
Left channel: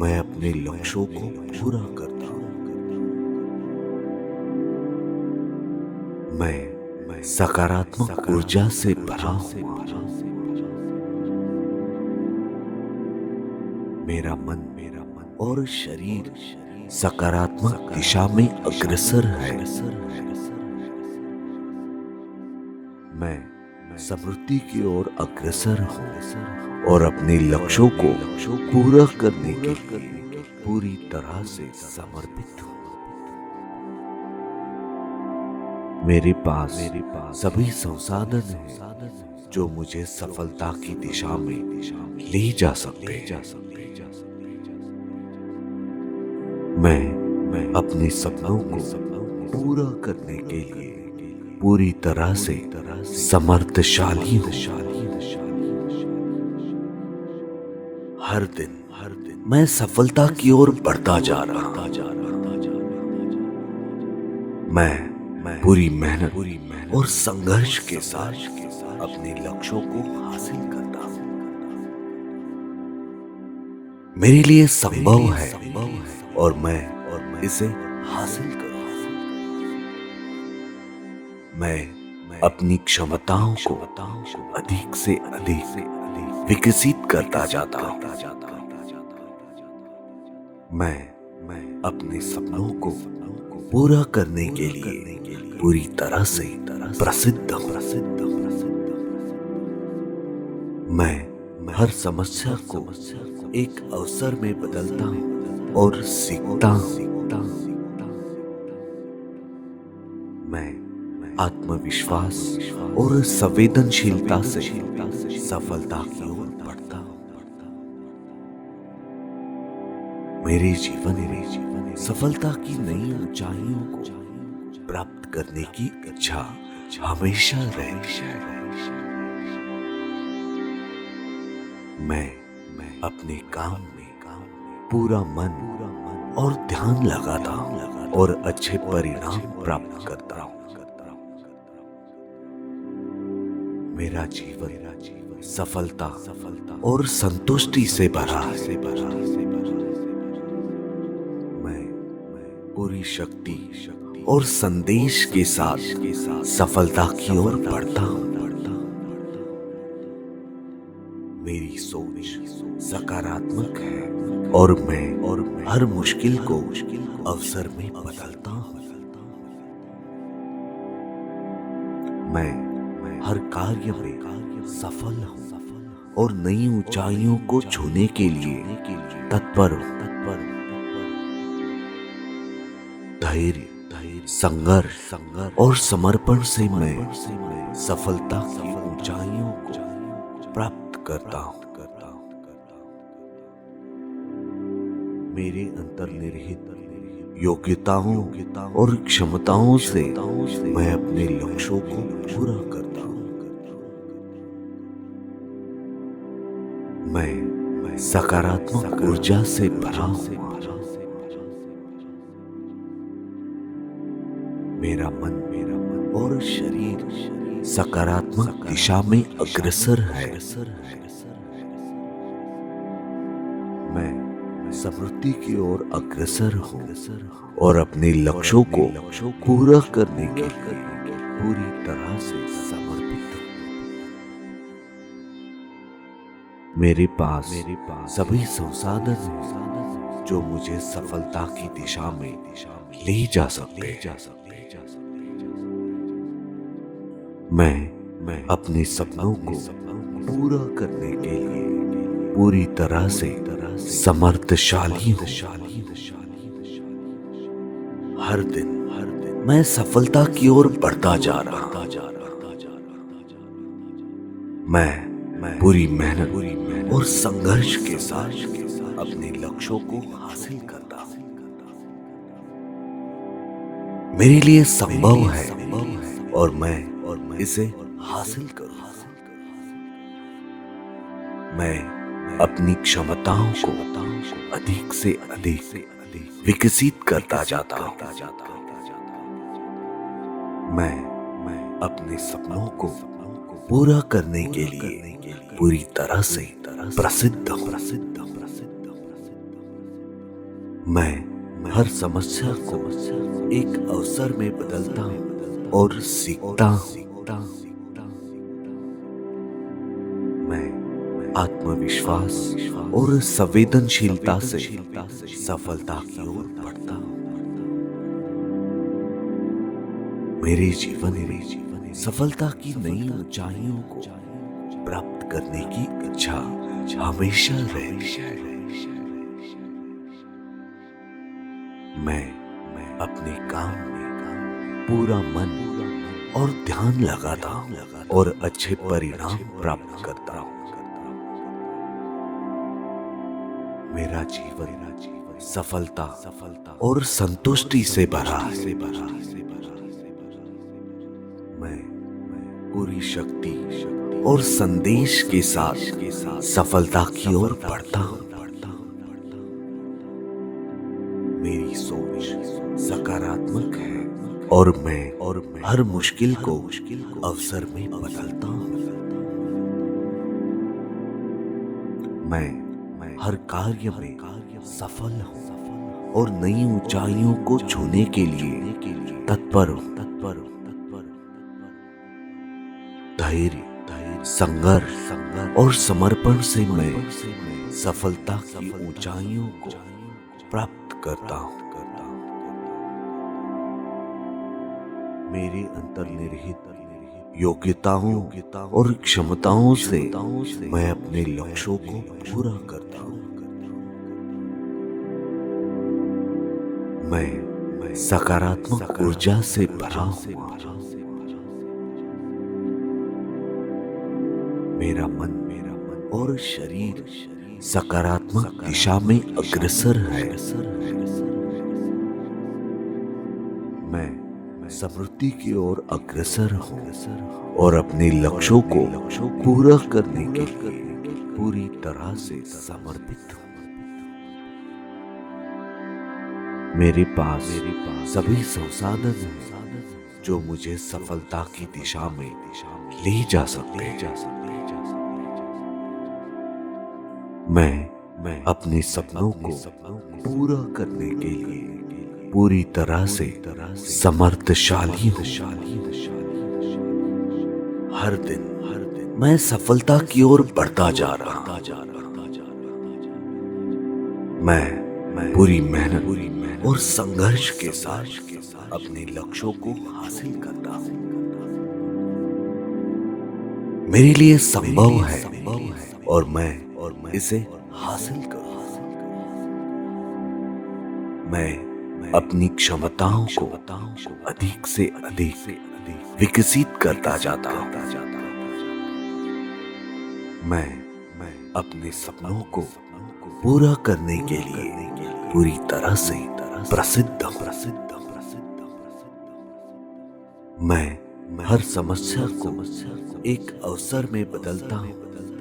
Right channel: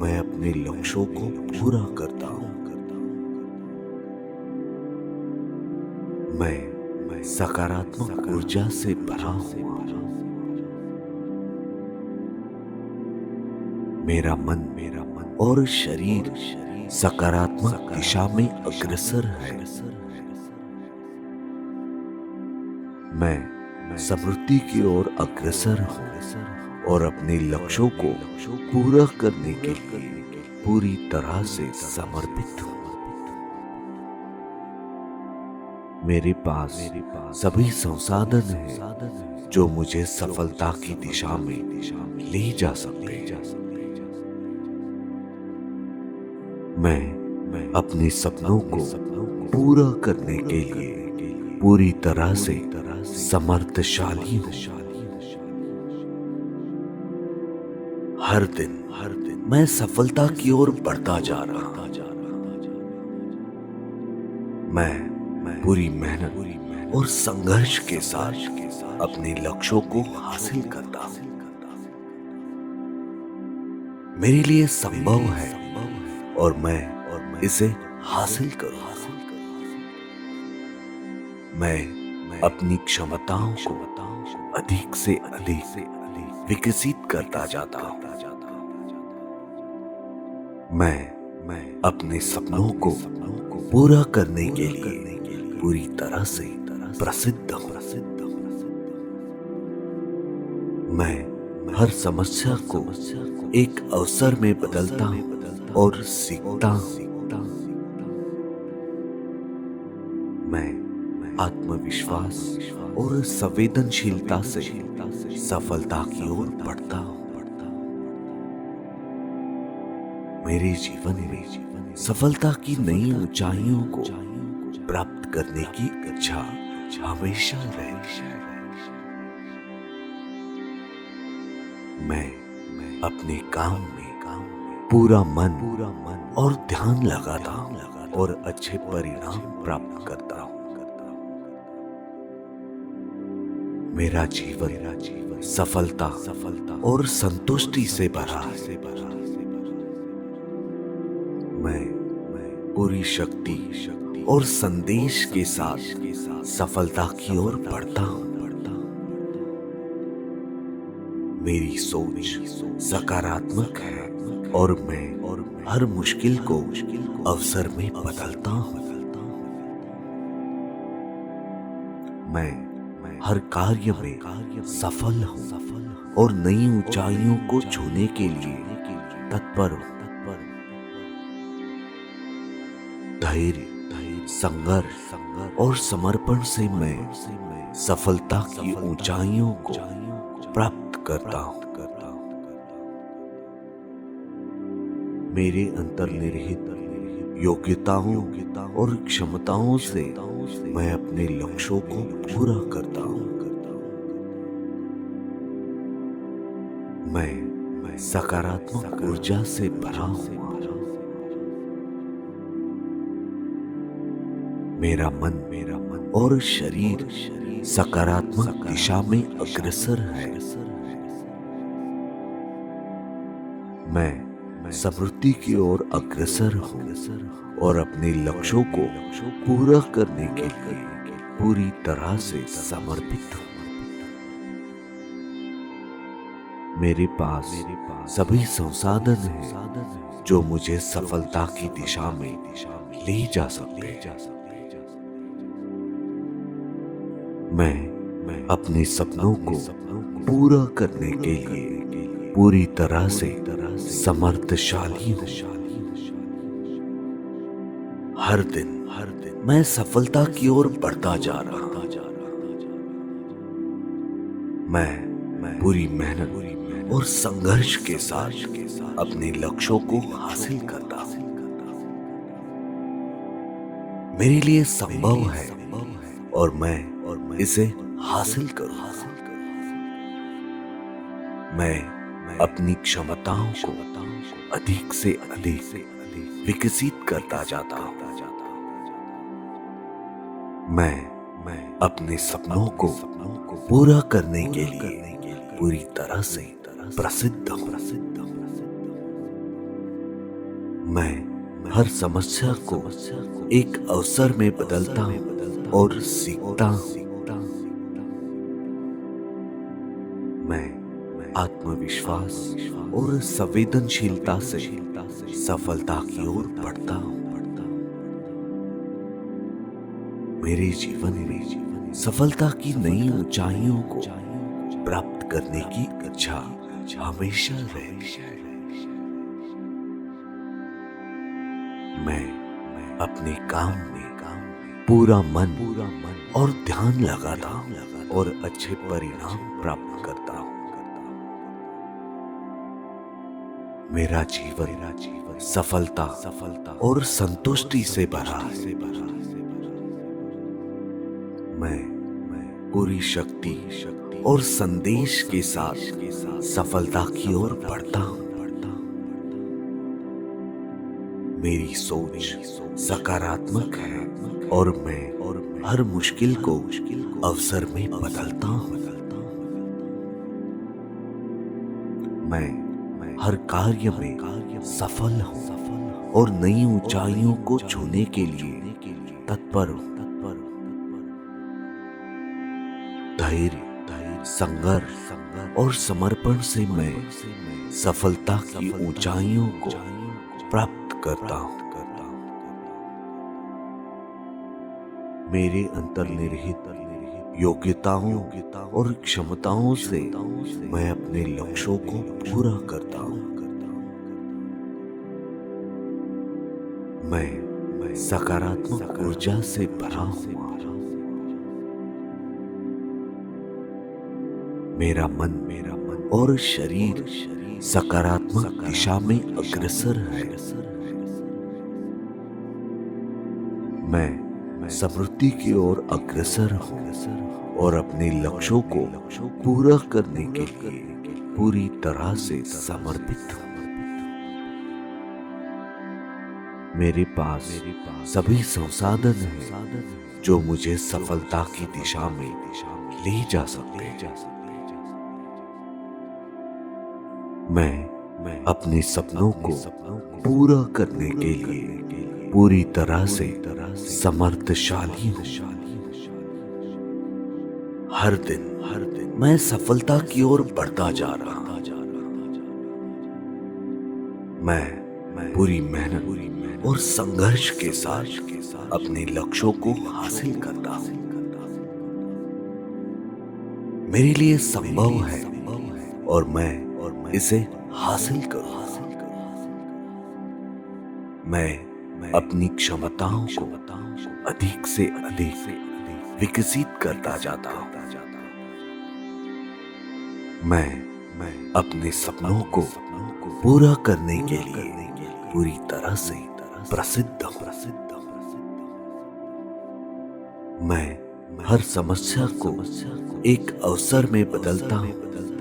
मैं अपने लक्ष्यों को पूरा करता हूँ। मैं सकारात्मक ऊर्जा से भरा हूँ। मेरा मन और शरीर सकारात्मक दिशा में अग्रसर है। मैं समृद्धि की ओर अग्रसर हूँ और अपने लक्ष्यों को पूरा करने के लिए पूरी तरह से समर्पित हूँ। मेरे पास सभी संसाधन हैं जो मुझे सफलता की दिशा में ले जा सकते हैं। मैं अपने सपनों को पूरा करने के लिए पूरी तरह से समर्थशाली हूँ। हर दिन मैं सफलता की ओर बढ़ता जा रहा हूँ। मैं पूरी मेहनत और संघर्ष के साथ अपने लक्ष्यों को हासिल करता हूँ। मेरे लिए संभव है और मैं इसे हासिल करूँ। मैं अपनी क्षमताओं को अधिक से अधिक विकसित करता जाता हूँ। मैं अपने सपनों को पूरा करने के लिए पूरी तरह से प्रसिद्ध हूँ। मैं हर समस्या को एक अवसर में बदलता हूँ और सीखता हूँ। मैं आत्मविश्वास और संवेदनशीलता से सफलता की ओर बढ़ता हूँ। मेरे जीवन में सफलता की नई ऊंचाइयों को प्राप्त करने की इच्छा हमेशा रही। मैं अपने काम में पूरा मन और ध्यान लगाता हूँ और अच्छे परिणाम प्राप्त करता हूँ। मेरा जीवन सफलता और संतुष्टि से भरा है। मैं पूरी शक्ति और संदेश के साथ सफलता की ओर बढ़ता हूँ। मेरी सोच सकारात्मक है और मैं हर मुश्किल को अवसर में बदलता हूँ। मैं हर कार्य में सफल हूँ और नई ऊंचाइयों को छूने के लिए तत्पर हूँ। धैर्य, संघर्ष और समर्पण से मैं सफलता की ऊंचाइयों को प्राप्त करता हूँ। मेरे अंतर्निहित योग्यताओं और क्षमताओं से मैं अपने लक्ष्यों को पूरा करता हूँ। मैं सकारात्मक ऊर्जा से भरा हूँ। मेरा मन और शरीर सकारात्मक दिशा में अग्रसर है। मैं समृद्धि की ओर अग्रसर हूँ और अपने लक्ष्यों को पूरा करने के लिए पूरी तरह से समर्पित हूँ। मेरे पास सभी संसाधन हैं जो मुझे सफलता की दिशा में ले जा सकते हैं। मैं अपने सपनों को पूरा करने के लिए पूरी तरह से समर्थशाली हूँ। हर दिन मैं सफलता की ओर बढ़ता जा रहा हूँ। मैं पूरी मेहनत और संघर्ष के साथ अपने लक्ष्यों को हासिल करता हूँ। मेरे लिए संभव है और मैं इसे हासिल करूँ। मैं अपनी क्षमताओं को अधिक से अधिक विकसित करता जाता हूँ। मैं अपने सपनों को पूरा करने के लिए पूरी तरह से प्रसिद्ध हूँ। मैं हर समस्या को एक अवसर में बदलता हूँ और सीखता हूँ। मैं आत्मविश्वास और संवेदनशीलता से सफलता की ओर बढ़ता हूँ। मेरे जीवन में सफलता की नई ऊंचाइयों को प्राप्त करने की इच्छा हमेशा रही। मैं अपने काम में पूरा मन और ध्यान लगाता हूँ और अच्छे परिणाम प्राप्त करता हूँ। मेरा जीवन सफलता और संतुष्टि से भरा है। मैं पूरी शक्ति और संदेश के साथ सफलता की ओर बढ़ता हूँ। मेरी सोच सकारात्मक है और मैं हर मुश्किल को अवसर में बदलता हूँ। मैं हर कार्य में सफल हूँ और नई ऊंचाइयों को छूने के लिए तत्पर हूँ। धैर्य, संघर्ष और समर्पण से मैं सफलता की ऊंचाइयों को प्राप्त करता हूँ। मेरे अंतर्निहित योग्यताओं और क्षमताओं से मैं अपने लक्ष्यों को पूरा करता हूँ। मैं सकारात्मक ऊर्जा से भरा हूँ। मेरा मन और शरीर सकारात्मक दिशा में अग्रसर है। मैं समृद्धि की ओर अग्रसर हूँ और अपने लक्ष्यों को पूरा करने के लिए पूरी तरह से समर्पित हूँ। मेरे पास सभी संसाधन हैं जो मुझे सफलता की दिशा में ले जा सकते हैं। मैं अपने सपनों को पूरा करने के लिए पूरी तरह से समर्थशाली हूँ। हर दिन मैं सफलता की ओर बढ़ता जा रहा हूँ। मैं पूरी मेहनत और संघर्ष के साथ अपने लक्ष्यों को हासिल करता हूँ। मेरे लिए संभव है और मैं इसे हासिल करूँ। मैं अपनी क्षमताओं को अधिक से अधिक विकसित करता जाता हूँ। मैं अपने सपनों को पूरा करने के लिए पूरी तरह से प्रसिद्ध हूँ। मैं हर समस्या को एक अवसर में बदलता हूँ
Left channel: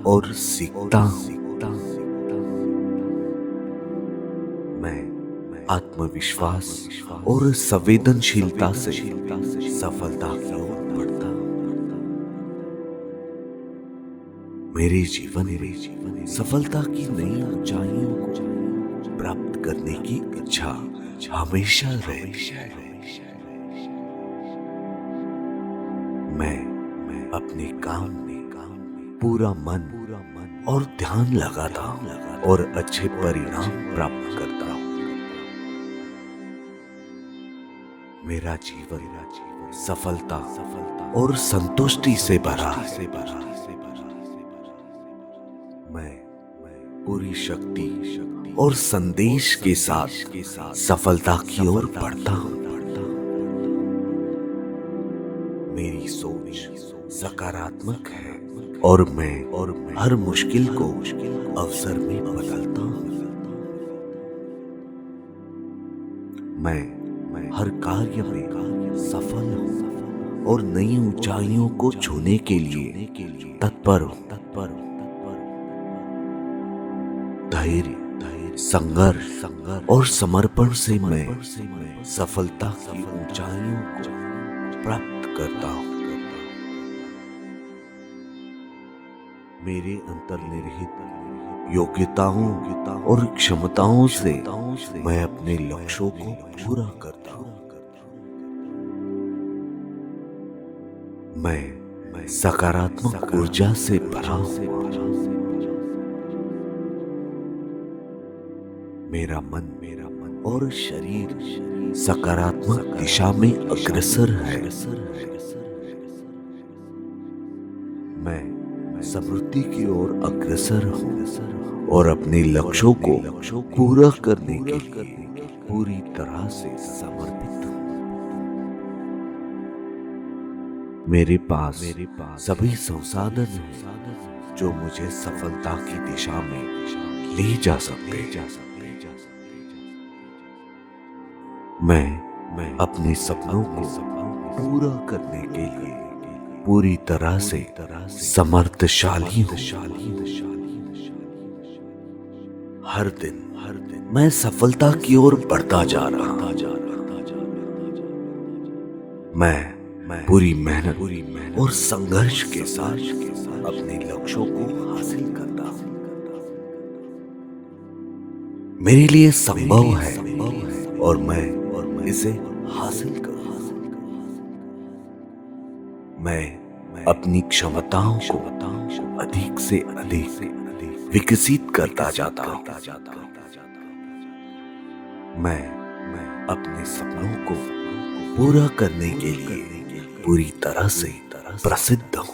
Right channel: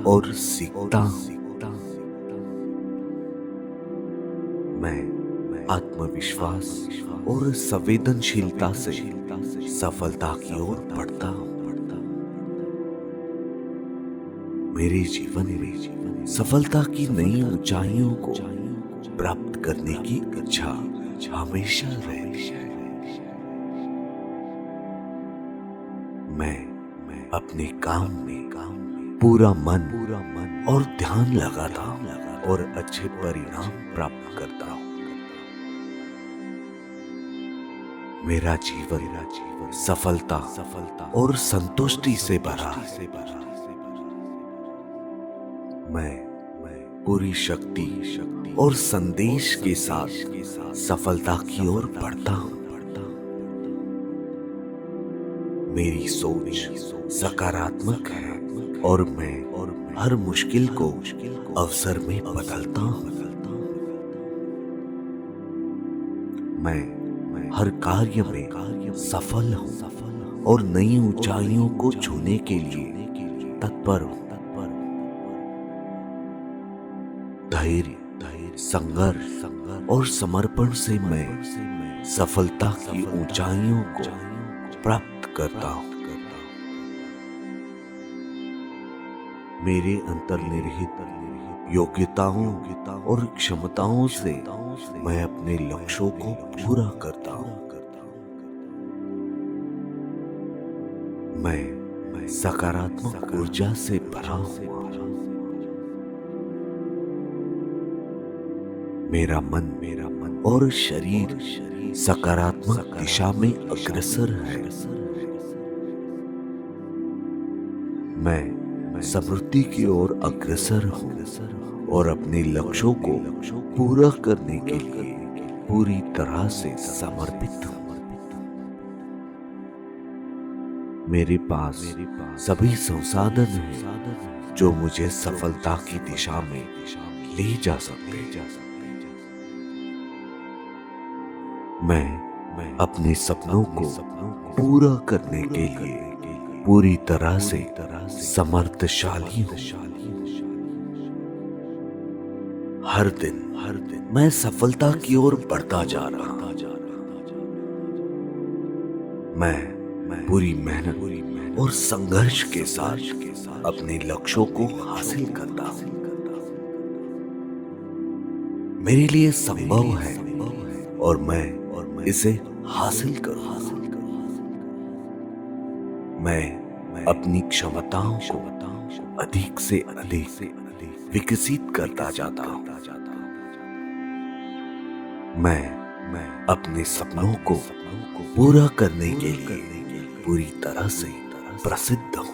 और सीखता हूँ। मैं आत्मविश्वास और संवेदनशीलता से सफलता की ओर बढ़ता हूँ। मेरे जीवन में सफलता की नई ऊंचाइयों को प्राप्त करने की इच्छा हमेशा रही। मैं अपने काम में पूरा मन और ध्यान लगाता हूँ और अच्छे परिणाम प्राप्त करता हूँ। मेरा जीवन सफलता और संतुष्टि से भरा है। मैं पूरी शक्ति और संदेश के साथ सफलता की ओर बढ़ता हूँ। मेरी सोच सकारात्मक है और मैं हर मुश्किल को अवसर में बदलता हूँ। मैं हर कार्य में सफल हूँ और नई ऊंचाइयों को छूने के लिए तत्पर हूँ। धैर्य, संघर्ष और समर्पण से मैं सफलता की ऊंचाइयों को प्राप्त करता हूँ। मेरे अंतर्निहित योग्यताओं और क्षमताओं से मैं अपने लक्ष्यों को पूरा करता हूँ। मैं सकारात्मक ऊर्जा से भरा हूँ। मेरा मन और शरीर सकारात्मक दिशा में अग्रसर है। मैं समृद्धि की ओर अग्रसर हूँ और अपने लक्ष्यों को पूरा करने के लिए पूरी तरह से समर्पित हूँ। मेरे पास सभी संसाधन हैं जो मुझे सफलता की दिशा में ले जा सकते हैं। मैं अपने सपनों को पूरा करने के लिए पूरी तरह से समर्थशाली हूँ। हर दिन मैं सफलता की ओर बढ़ता जा रहा हूँ। मैं पूरी मेहनत और संघर्ष के साथ अपने लक्ष्यों को हासिल करता हूँ। मेरे लिए संभव है और मैं इसे हासिल करूँगा। मैं अपनी क्षमताओं को अधिक से अधिक विकसित करता जाता हूँ। मैं अपने सपनों को पूरा करने के लिए पूरी तरह से प्रसिद्ध हूँ।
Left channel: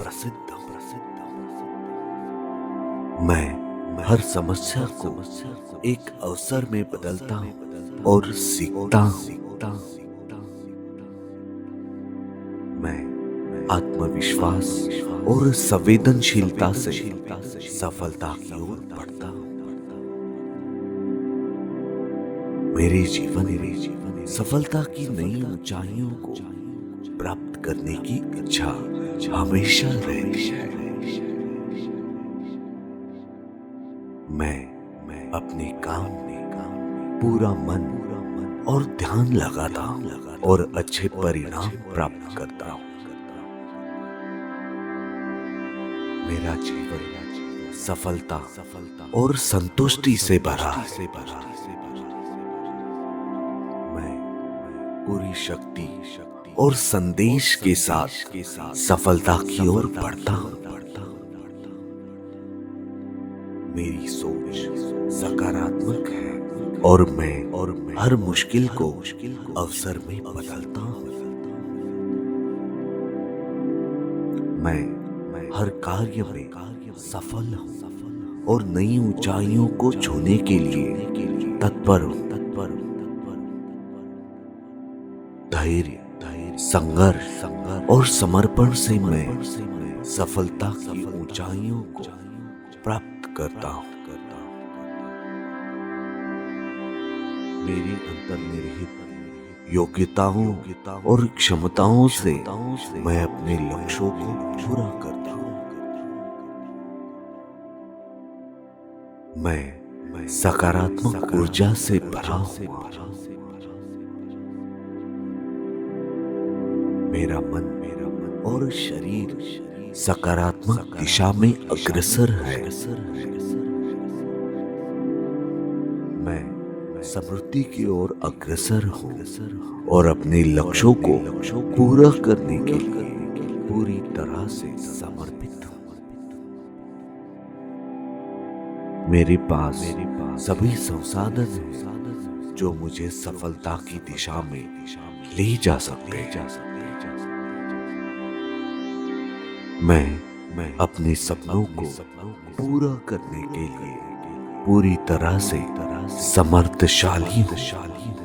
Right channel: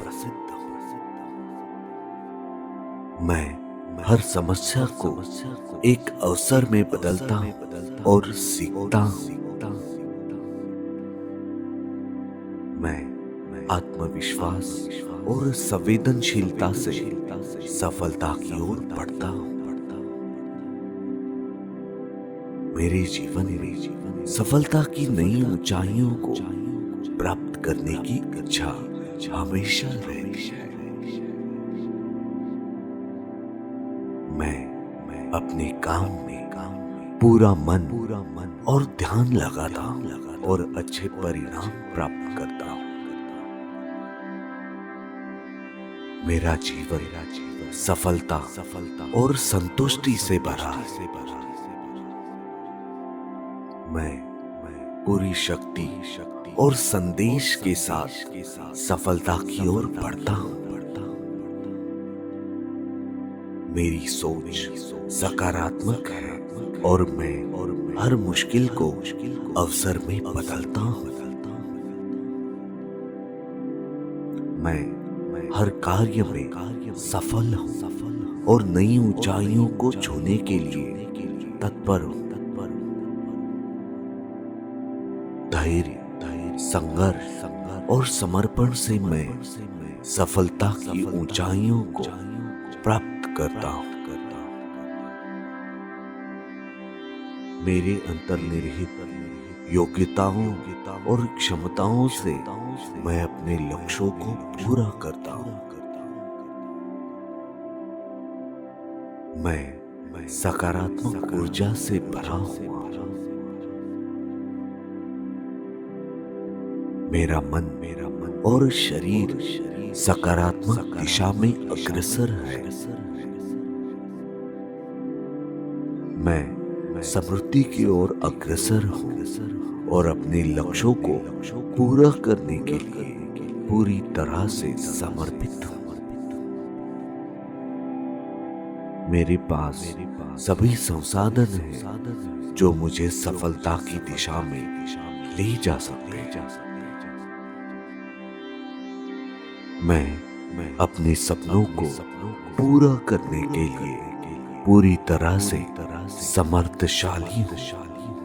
मैं हर समस्या को एक अवसर में बदलता हूँ और सीखता हूँ। मैं आत्मविश्वास और संवेदनशीलता से सफलता की ओर बढ़ता हूँ। मेरे जीवन में सफलता की नई ऊंचाइयों को प्राप्त करने की इच्छा हमेशा रही है। मैं अपने काम में पूरा मन और ध्यान लगाता हूँ और अच्छे परिणाम प्राप्त करता हूँ। मेरा जीवन सफलता और संतुष्टि से भरा है। मैं पूरी शक्ति और संदेश के साथ सफलता की ओर बढ़ता हूँ। मेरी सोच सकारात्मक है और मैं हर मुश्किल को अवसर में बदलता हूँ। मैं हर कार्य में सफल हूँ और नई ऊंचाइयों को छूने के लिए तत्पर हूँ। धैर्य, संघर्ष और समर्पण से मैं सफलता की ऊंचाइयों को प्राप्त करता हूँ। मेरे अंतर्निहित योग्यताओं और क्षमताओं से मैं अपने लक्ष्यों को पूरा करता हूँ। मैं सकारात्मक ऊर्जा से भरा हूँ। मेरा मन और शरीर सकारात्मक दिशा में अग्रसर है। मैं समृद्धि की ओर अग्रसर हूँ और अपने लक्ष्यों को पूरा करने के लिए पूरी तरह से समर्पित हूँ। मेरे पास सभी संसाधन हैं जो मुझे सफलता की दिशा में ले जा सकते हैं। मैं अपने सपनों को पूरा करने के लिए पूरी तरह से समर्थशाली हूं।